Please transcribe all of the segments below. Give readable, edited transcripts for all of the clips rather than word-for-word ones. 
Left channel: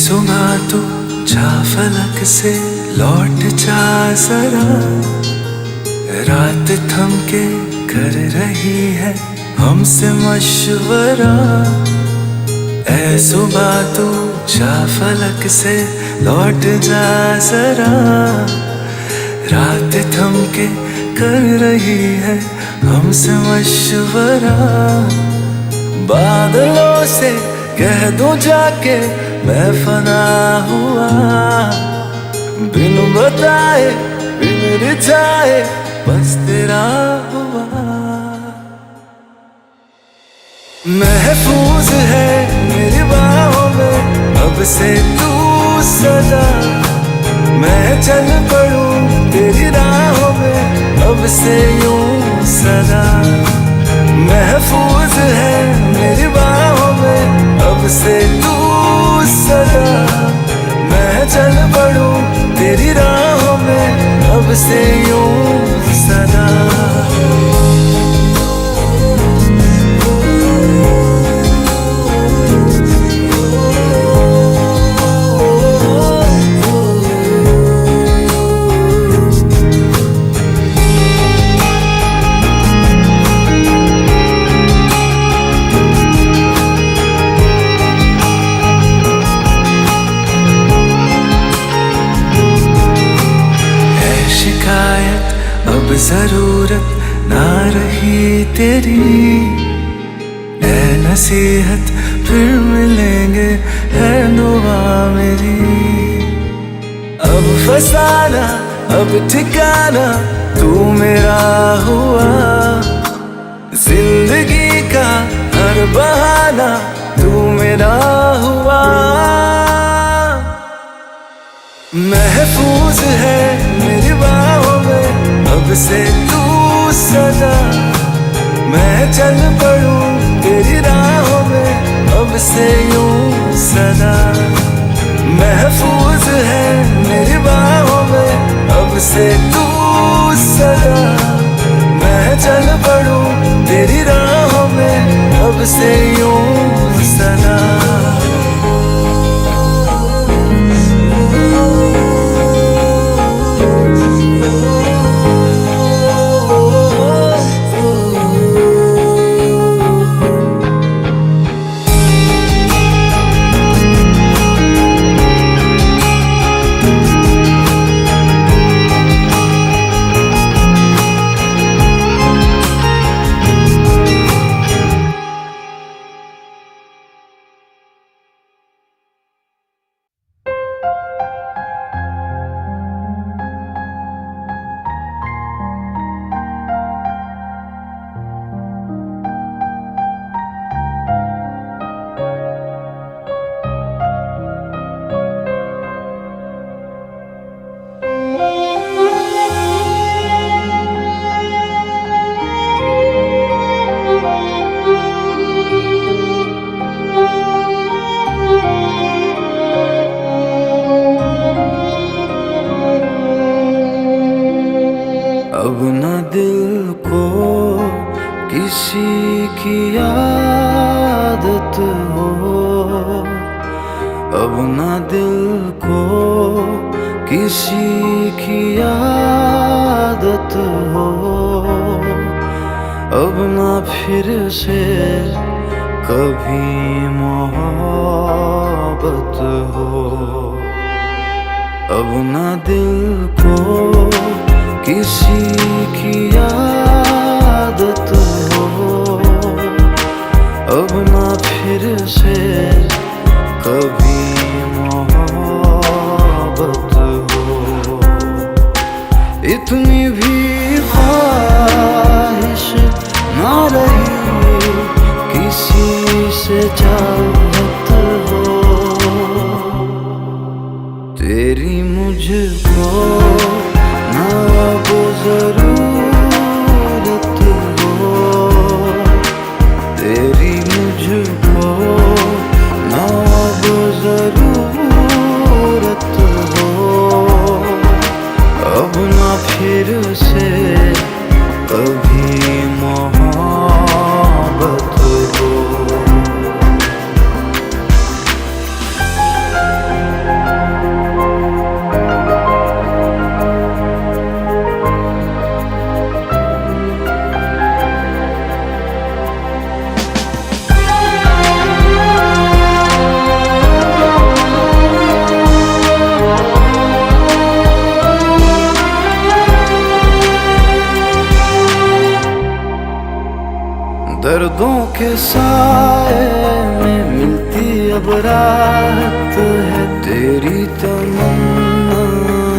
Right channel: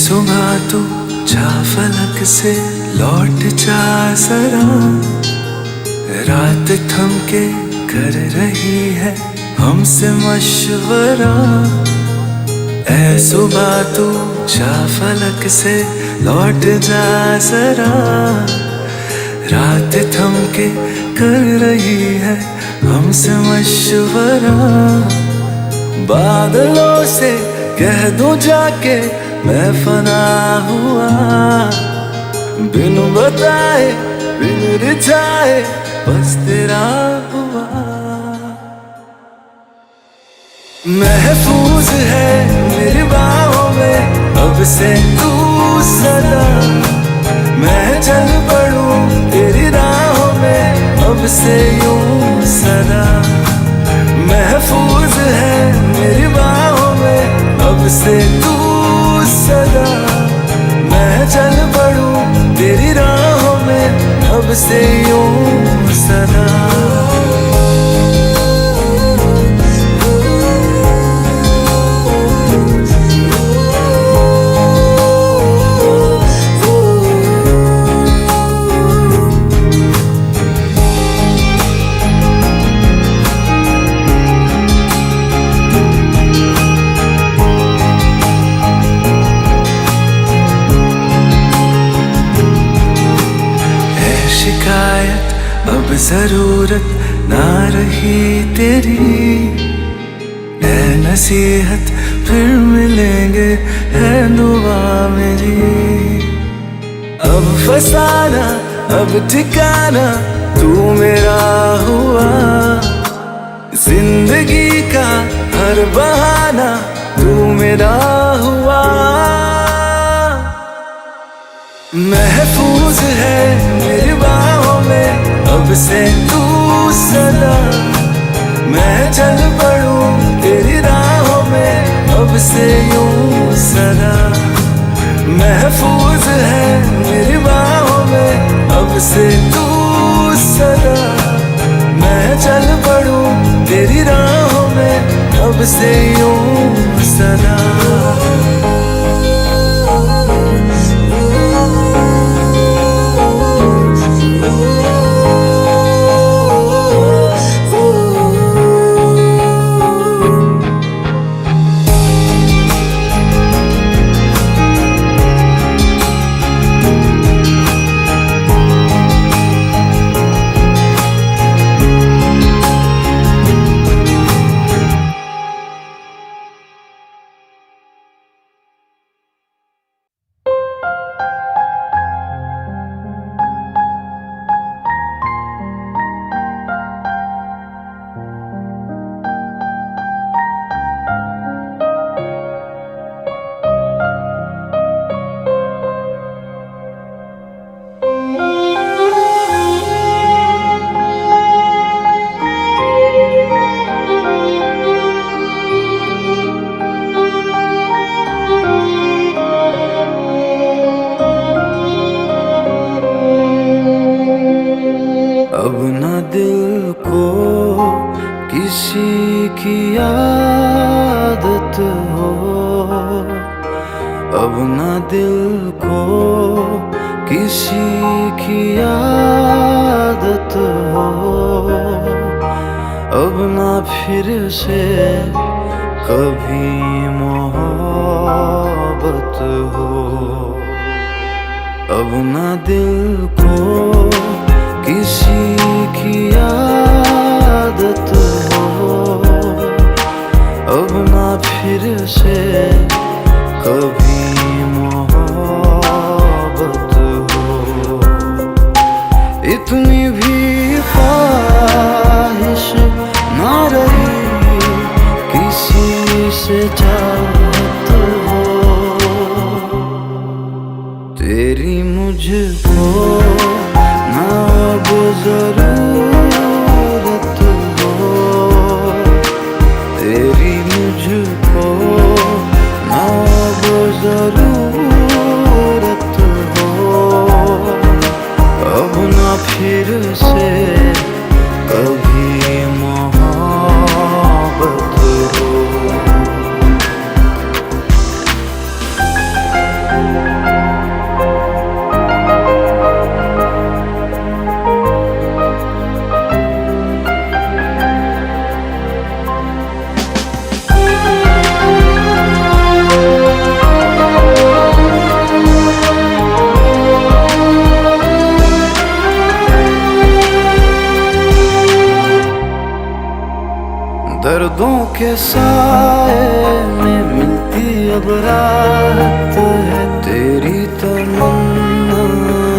सुबह तू जा फलक से लौट जा जरा, रात थम के कर रही है हमसे मशवरा। ऐ सुबह तू जा फलक से लौट जा जरा, रात थम के कर रही है हमसे मशवरा। बादलों से कह दूं जाके मैं फना हुआ, बिन बताए बिन रिझाए बस तेरा हुआ। महफूज है मेरी बाहों में अब से तू सदा, मैं चल पड़ूं तेरी राहों में अब से यूं सदा। महफूज है मेरी बाहों में अब से तू सदा, मैं चल पड़ूं तेरी राहों में अब से यूं सदा। शिकायत अब जरूरत ना रही तेरी, ऐ नसीहत फिर मिलेंगे है दुआ मेरी। अब फसाना अब ठिकाना तू मेरा हुआ, जिंदगी का हर बहाना तू मेरा हुआ। महफूज है मेरी बाहों में अब से तू सदा, मैं चल पड़ूं तेरी राहों में अब से यूं सदा। महफूज है मेरी बाहों में अब से तू सदा, मैं चल पड़ूं तेरी राहों में अब से यूं सदा। अब न दिल को किसी की आदत हो, अब न दिल को किसी की आदत हो, अब न फिर से कभी मोहब्बत हो। अब न दिल को किसी की आदत हो, अब ना फिर से कभी मोहब्बत हो। इतनी भी ख्वाहिश ना रही किसी से चाहत हो, तेरी मुझको ना अब जरूरत हो, तेरी मुझको ना अब जरूरत हो, अब ना फिर से कभी मोहब्बत हो। के साए में मिलती अब राहत है, तेरी तमन्ना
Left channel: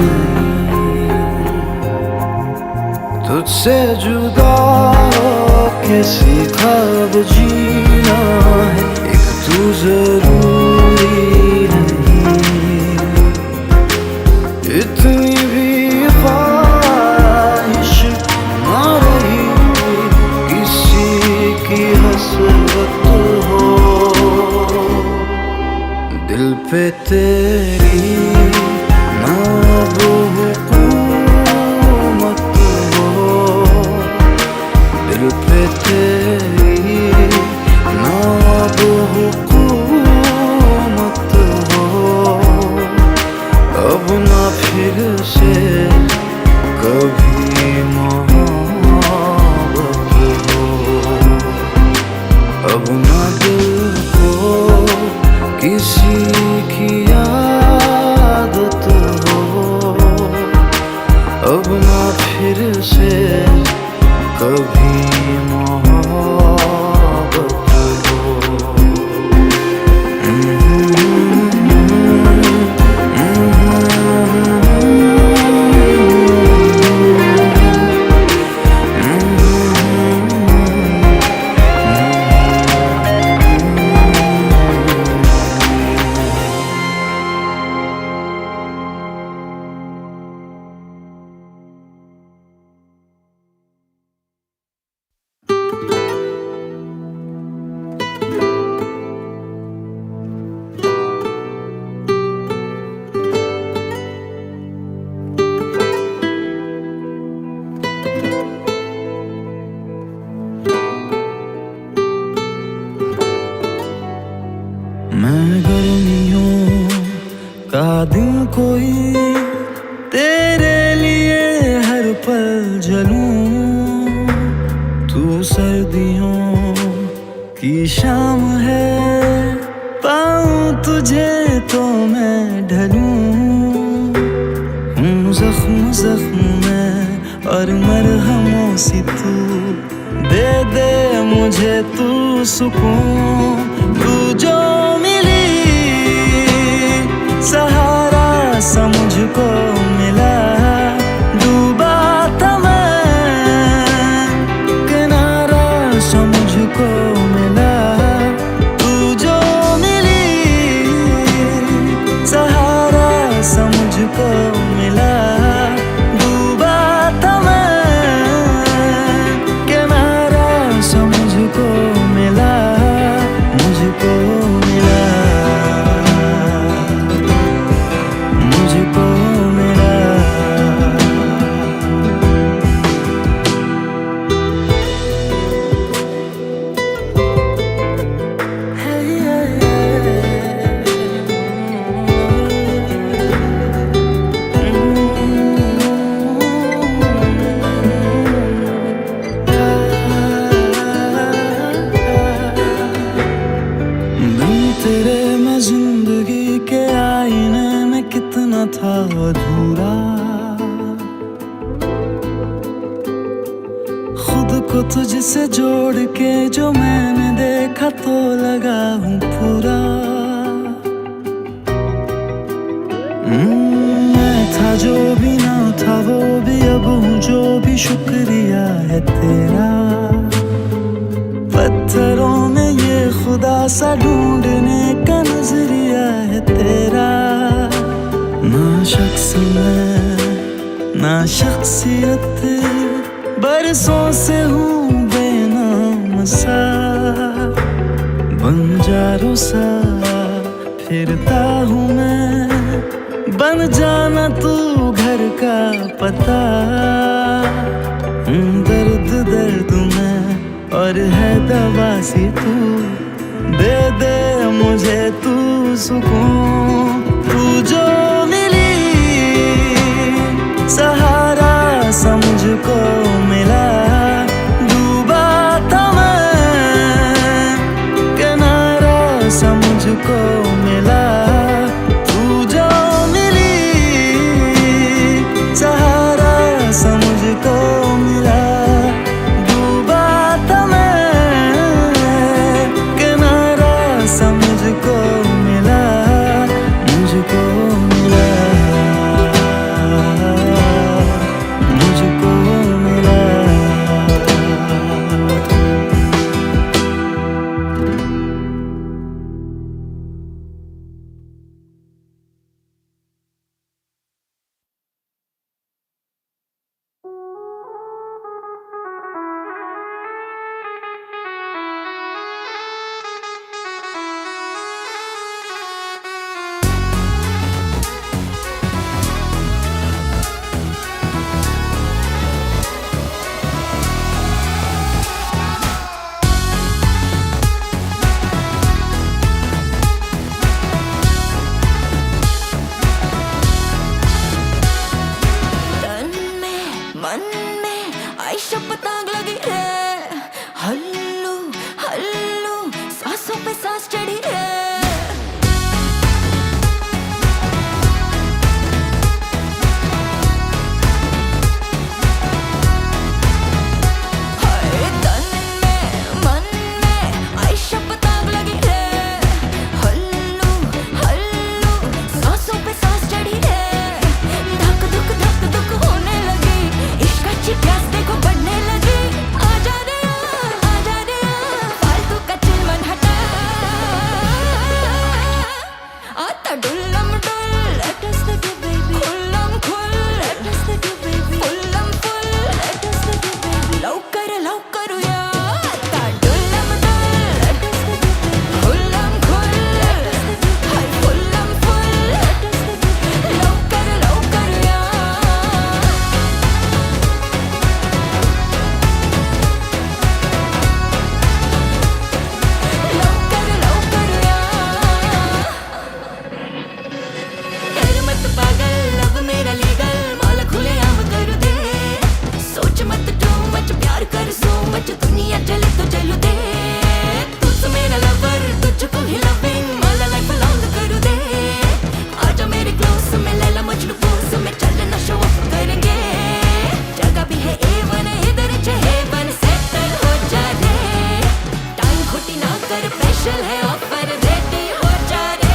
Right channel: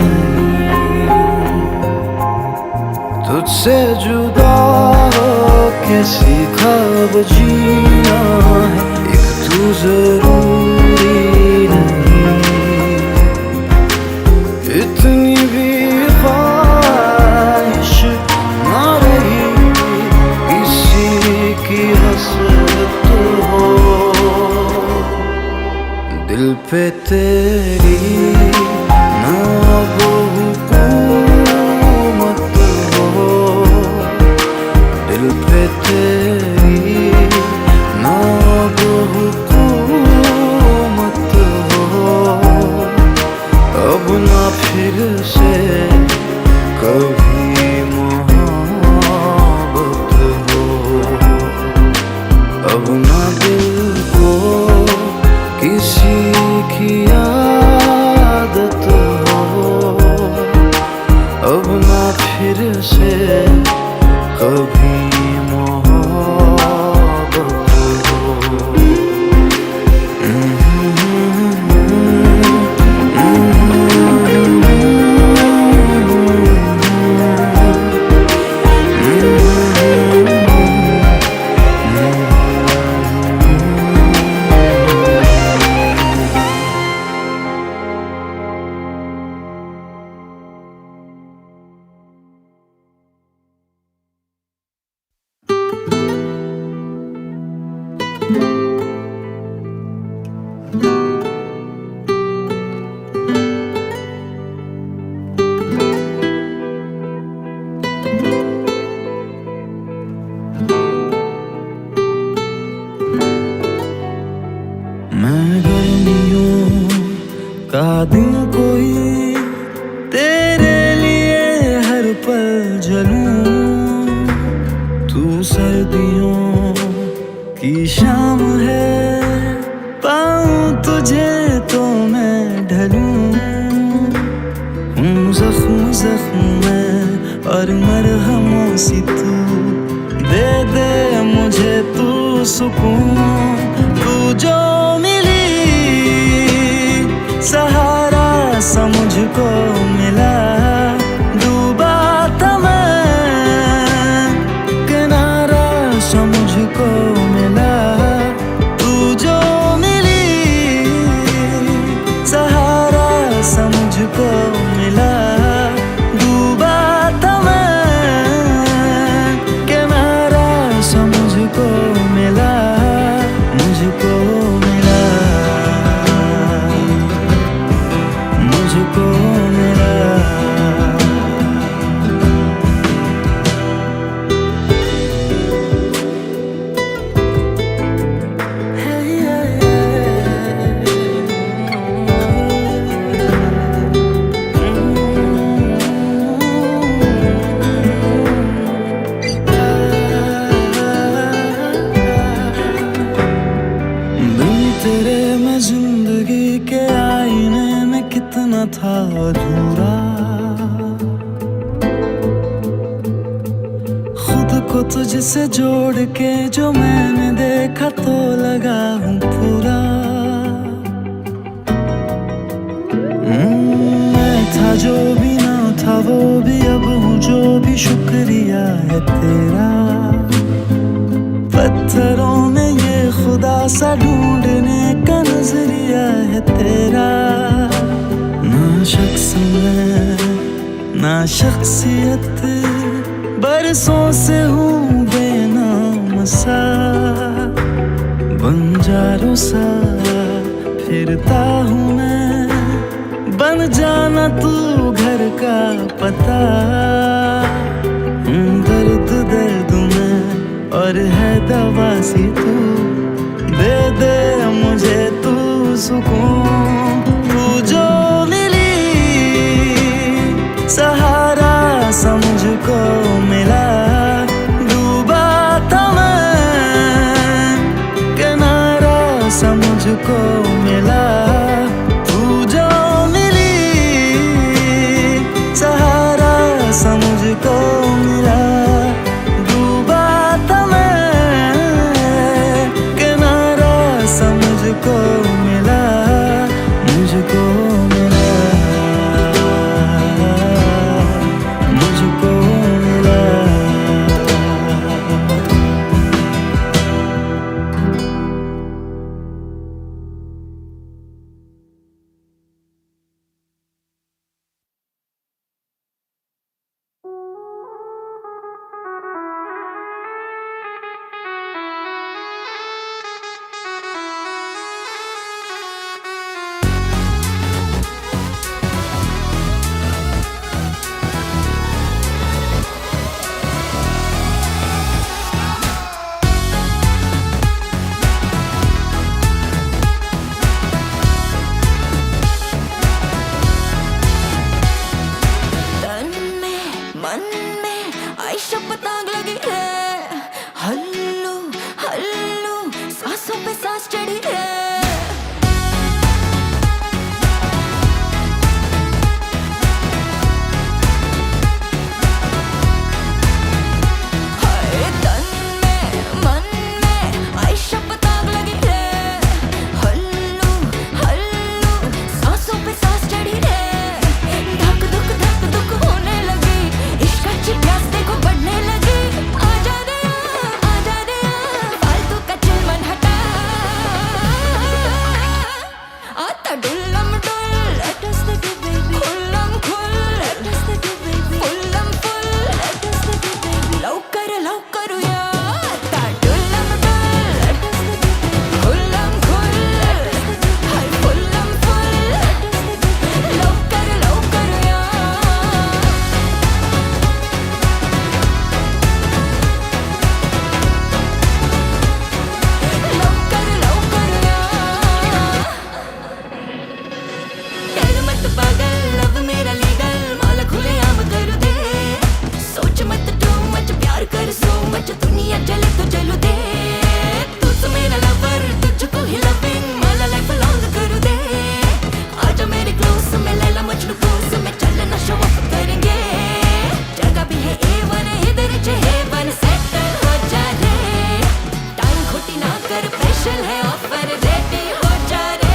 नहीं। तुझसे जुदा हो के सीखा अब जीना है, एक तू जरूरी नहीं। इतनी भी ख्वाहिश ना रही किसी की हसरत हो, दिल पे तेरी ना अब हुकूमत हो, दिल पे तेरी ना अब हुकूमत हो। अब ना फिर से कभी मोहब्बत हो, अब ना दिल को किसी की आदत हो, अब ना फिर से कभी मोहब्बत हो। मैं गर्मियों का दिन कोई तेरे लिए हर पल जलूं, तू सर्दियों की शाम है, पाऊं तुझे तो मैं ढलूं। हूँ जख्म जख्म में और मरहमों सी तू दे दे मुझे तू सुकून। तू जो मिली सहारा सा मुझको मिला, डूबा था मैं किनारा सा मुझको मिला। तू जो मिली सहारा सा मुझको मिला, डूबा था मैं किनारा सा मुझको मिला, मुझको मिला, मुझको मिला। तेरे में जिंदगी के आईने में कितना था अधूरा, खुद को तुझसे जोड़ के जो मैंने देखा तो लगा हूँ पूरा। मैं था जो भी ना था वो भी अब हूँ जो भी, शुक्रिया है तेरा। पत्थरों में ये खुदा सा ढूंढने का नजरिया है तेरा। ना शख्स में ना शख्सियत, बरसों से हूँ बेनाम सा, बंजारों सा फिरता हूँ मैं, बन जाना तू घर का पता। दर्द दर्द में और है दवा सी तू, दे दे मुझे तू सुकून। तू जो मिली सहारा सा मुझको मिला, डूबा था मैं किनारा सा मुझको मिला। तू जो मिली सहारा सा मुझको मिला, डूबा था मैं सांस चढ़ी रे। हाय तन में मन में आई शपथ आग लगी रे। हल्लू हल्लू सांसों पे सांस चढ़ी रे। धक धक होने लगी, इश्क की प्यास देखो बढ़ने लगी। आजा रे फालतू का चिलमन हटा। आता डुल्लम डुल, let us the do baby। खुल्लम खुल, let us the do baby। फुल्लम full, let us the do baby। लवकर या आता डुल्लम डुल, let us the do baby। खुल्लम खुल, let us the do baby। Hi फुल्लम full, let us the do baby। लवकर या डर मत पागल, लब मेरा लीगल, मौला खुले आम कर दे। सोच मत टू मच, प्यार कर सो मच, दुनिया चले तो चलो दे। तुझ मेरा लवर, तुझको ही लविंग, मौला लाइफ लॉन्ग कर दे। आजा मेरे क्लोज में, लैला मजनू पोज में, चलना शो ऑफ करेंगे। जगह भी है A1, इधर हेवन, सेटल हो जा रे। टाइम खोटी ना कर, स्पेशल है ऑफर, रेडी हो जा रे।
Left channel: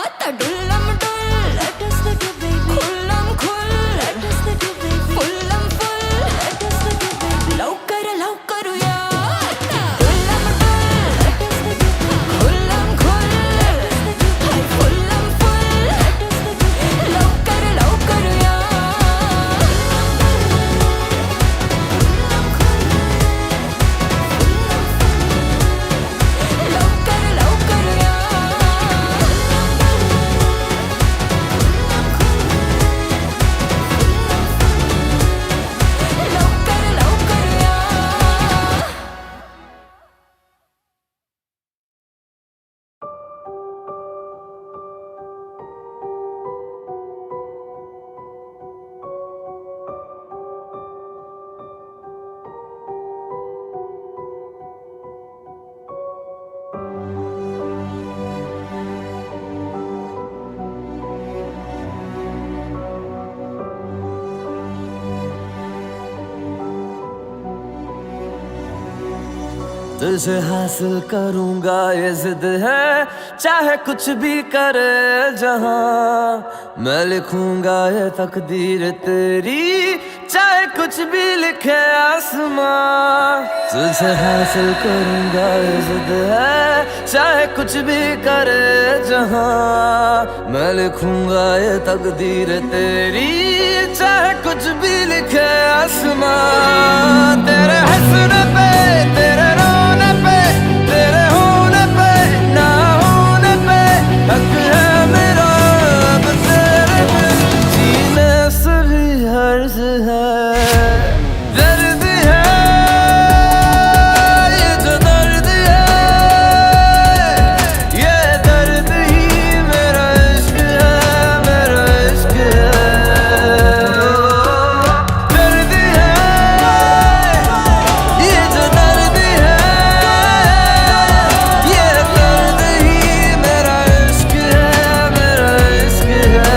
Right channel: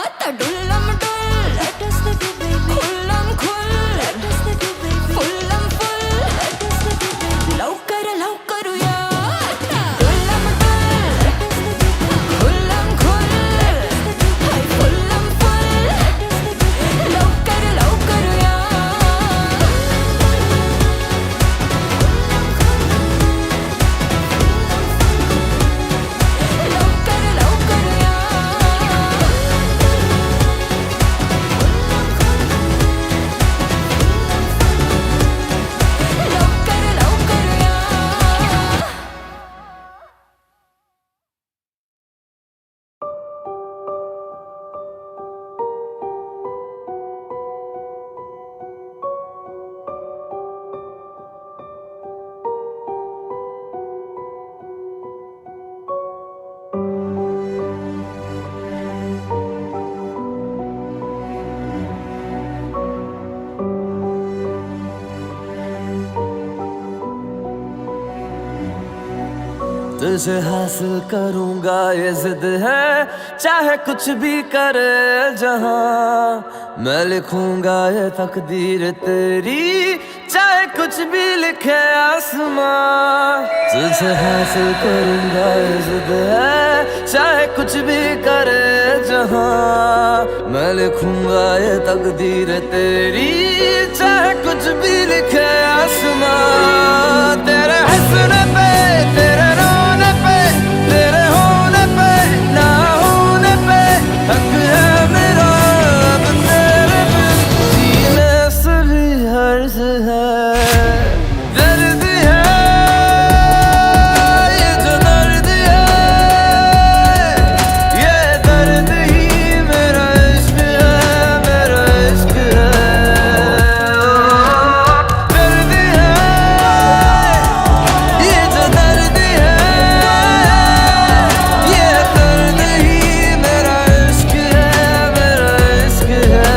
आता डुल्लम डुल, let us the do baby। खुल्लम खुल, let us the do baby। फुल्लम full, let us the do baby। लवकर या आता डुल्लम डुल, let us the do baby। खुल्लम खुल, let us the do baby। Hi फुल्लम full, let us the do baby। लवकर या लवकर या लवकर या। तुझे हासिल करूंगा ये जिद है, चाहे कुछ भी करे जहां। मैं लिखूंगा ये तकदीर तेरी, चाहे कुछ भी लिखे आसमां। तुझे हासिल करूंगा ये जिद है, चाहे कुछ भी करे जहां। मैं लिखूंगा ये तकदीर तेरी, चाहे कुछ भी लिखे आसमां। तेरे हंसने पे, तेरे रोने पे, तेरे होने पे, ना होने पे, हक है मेरा अब तेरे बिन जीने से भी हर्ज है। दर्द है ये जो दर्द है, ये दर्द ही मेरा इश्क है, मेरा इश्क है। दर्द है ये जो दर्द है, ये दर्द ही मेरा इश्क है, मेरा इश्क है।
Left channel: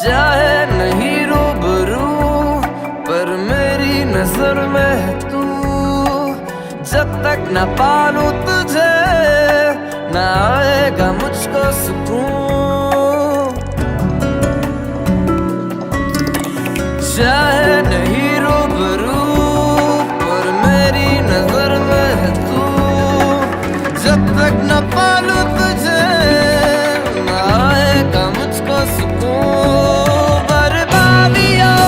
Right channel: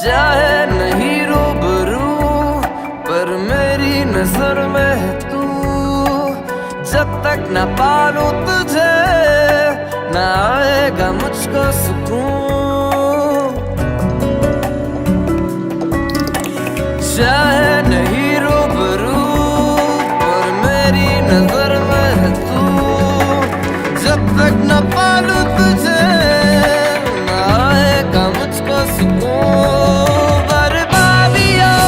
चाहे नहीं रूबरू, पर मेरी नजर में है तू। जब तक न पालूं तुझे, न आएगा मुझको सुकून। चाहे नहीं रूबरू, पर मेरी नजर में है तू। जब तक न पालूं तुझे, न आएगा मुझको सुकून। बर्बादियों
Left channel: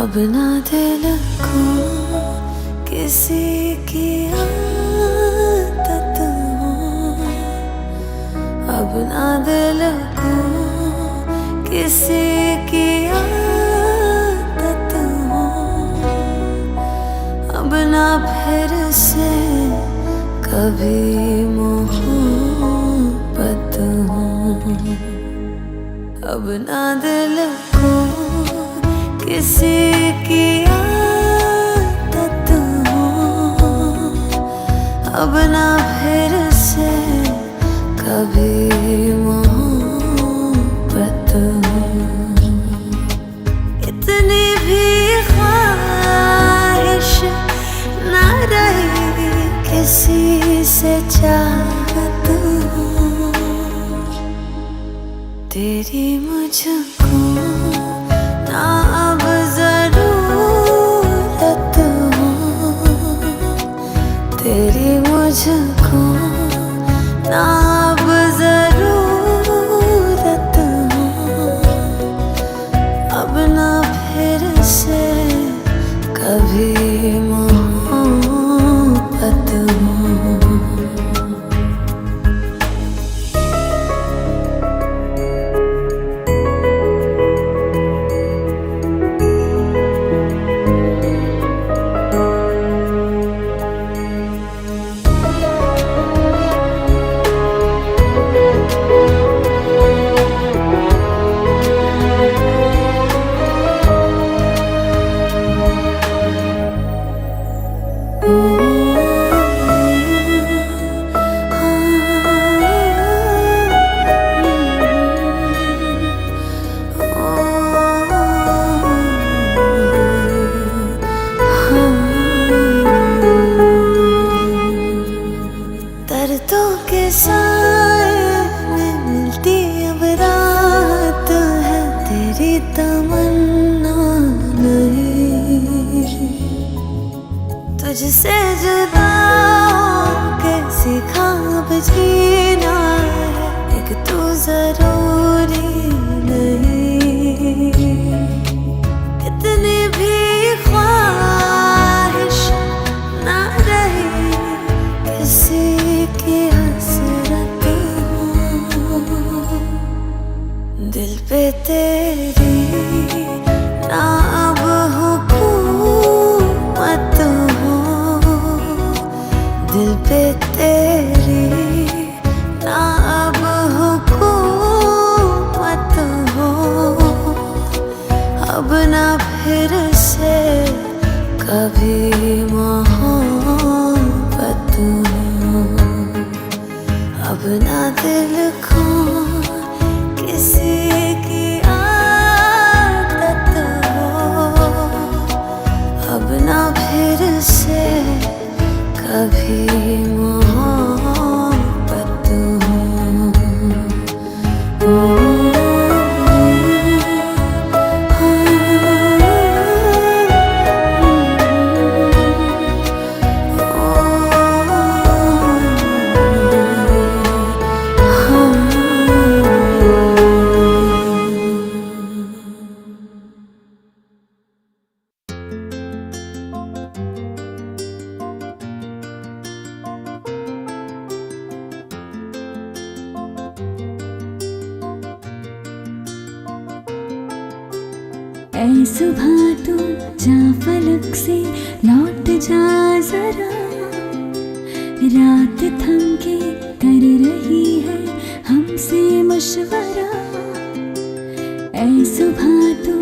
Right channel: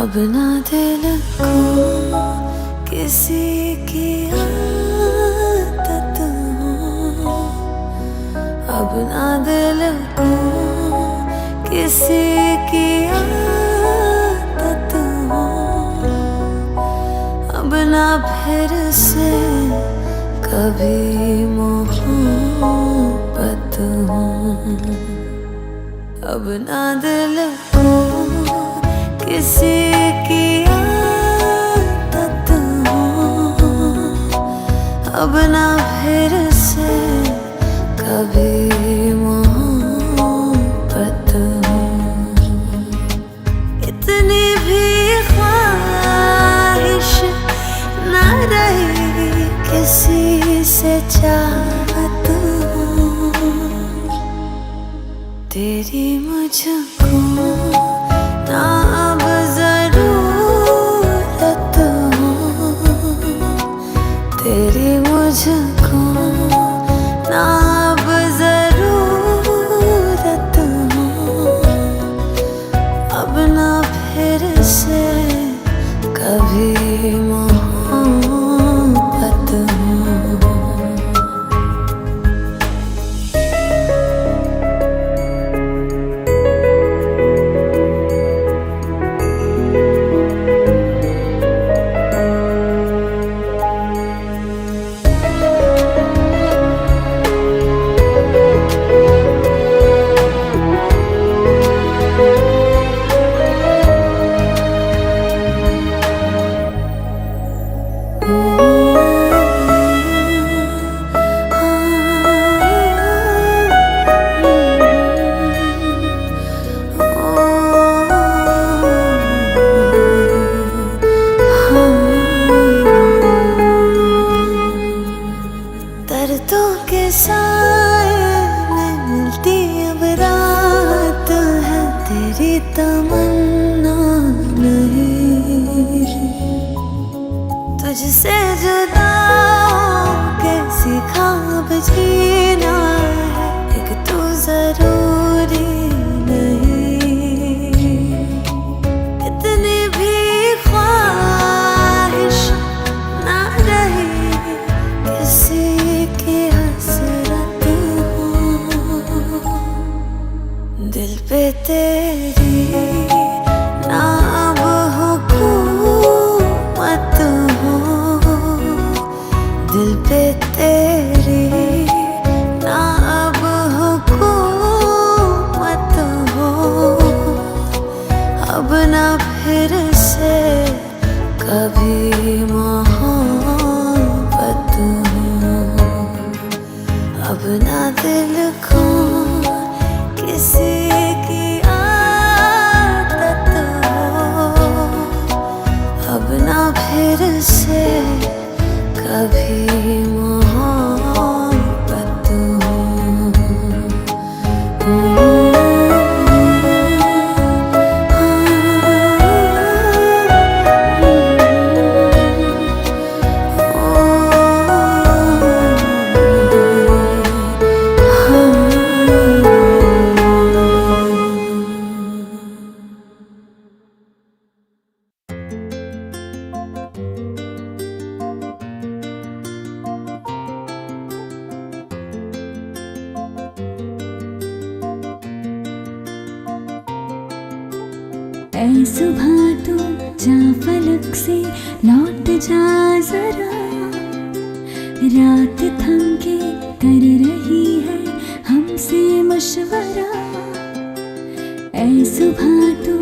अब ना दिल को किसी की आदत हो, अब ना दिल को किसी की आदत हो, अब ना फिर से कभी मोहब्बत हो, अब ना दिल को किसी की आदत हो, अब ना फिर से कभी मोहब्बत हो। इतनी भी ख्वाहिश ना रही किसी से चाहत हो, तेरी मुझको ना अब जरूरत हो, तेरी मुझको ना अब जरूरत हो, अब ना फिर से कभी मोहब्बत हो। दर्दों के साए में मिलती अब रात है, तेरी तमन्ना नहीं, तुझसे जुदा होके सीखा अब जीना है, एक तू जरूरी नहीं। इतनी भी ख्वाहिश ना रही किसी की हसरत हो, दिल पे तेरी ना अब हुकूमत हो, दिल पे तेरी ना अब हुकूमत हो, अब ना फिर से कभी मोहब्बत हो, अब ना दिल को किसी की आदत हो, अब कभी मोहब्बत ऐ सुबह तू जा फलक से लौट जा जरा, रात थम के कर रही है हमसे मशवरा। ऐ सुबह तू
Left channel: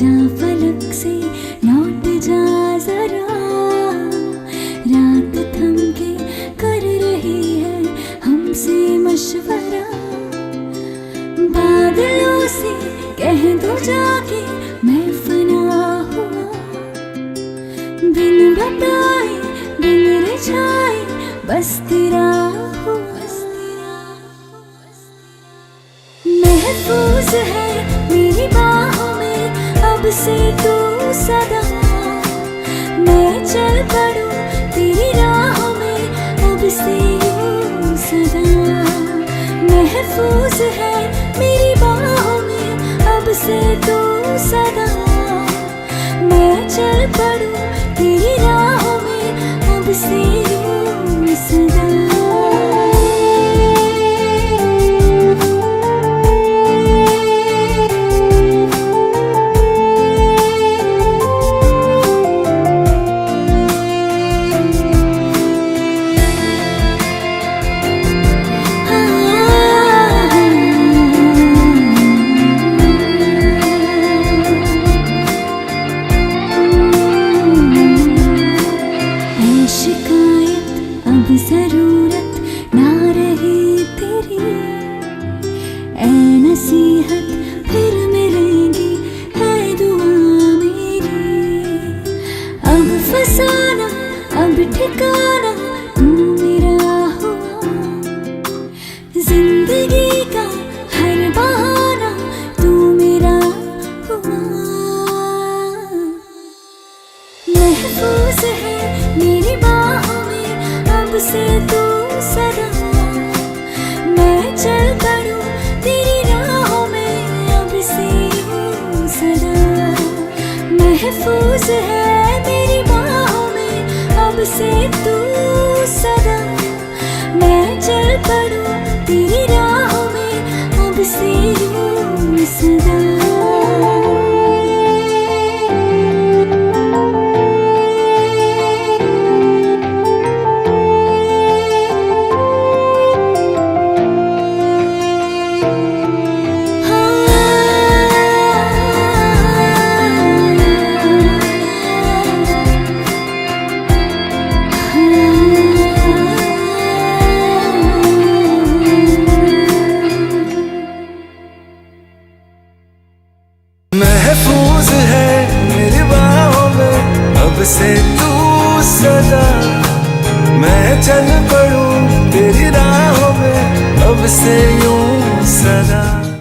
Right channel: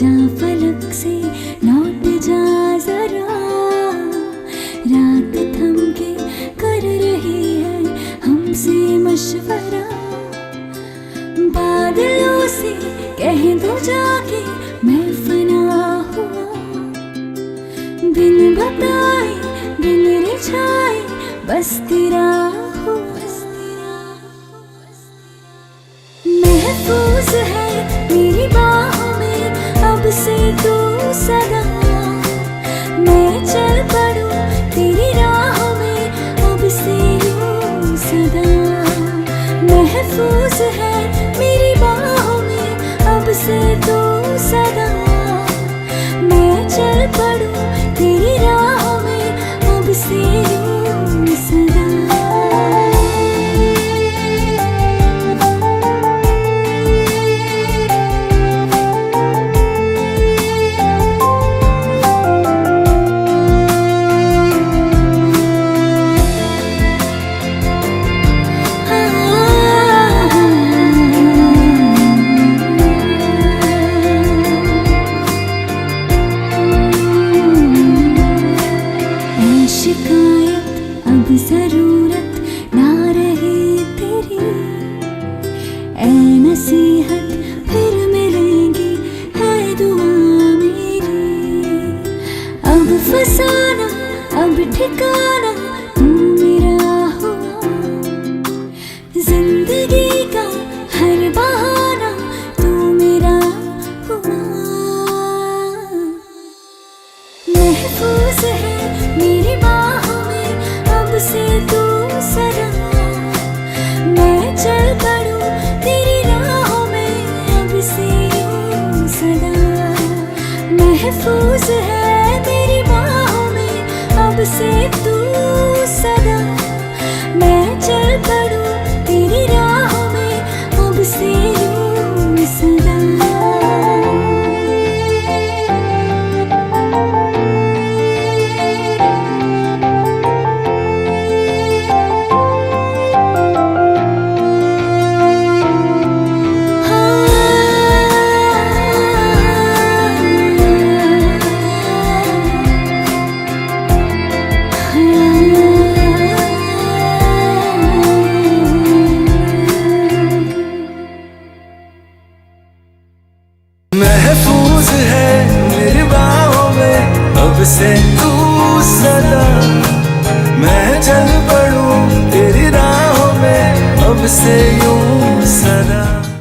जा फलक से लौट जा जरा, रात थम के कर रही है हमसे मशवरा। बादलों से कह दो जाके मैं फना हुआ, बिन बताए बिन रिझाए बस तेरा हुआ। महफूज है मेरी बाहों में अब से तू सदा, मैं चल पड़ूं तेरी राहों में अब से यूं सदा। महफूज है मेरी बाहों में अब से तू सदा, मैं चल पड़ूं तेरी राहों में अब से यूं सदा। शिकायत अब जरूरत ना रही तेरी, ऐ नसीहत फिर मिलेंगी है दुआ मेरी। अब फसाना अब ठिकाना तू मेरा हुआ, जिंदगी का हर बहाना तू मेरा हुआ। महफूज है मेरी बाहों में अब से तू सदा, मैं चल पड़ूं तेरी राहों में अब से यूं सदा। महफूज है मेरी बाहों में अब से तू सदा, मैं चल पड़ूं तेरी राहों में अब से यूं सदा। महफूज है मेरी बाहों में अब से तू सदा, मैं चल पड़ूं तेरी राहों में अब से यूं सदा।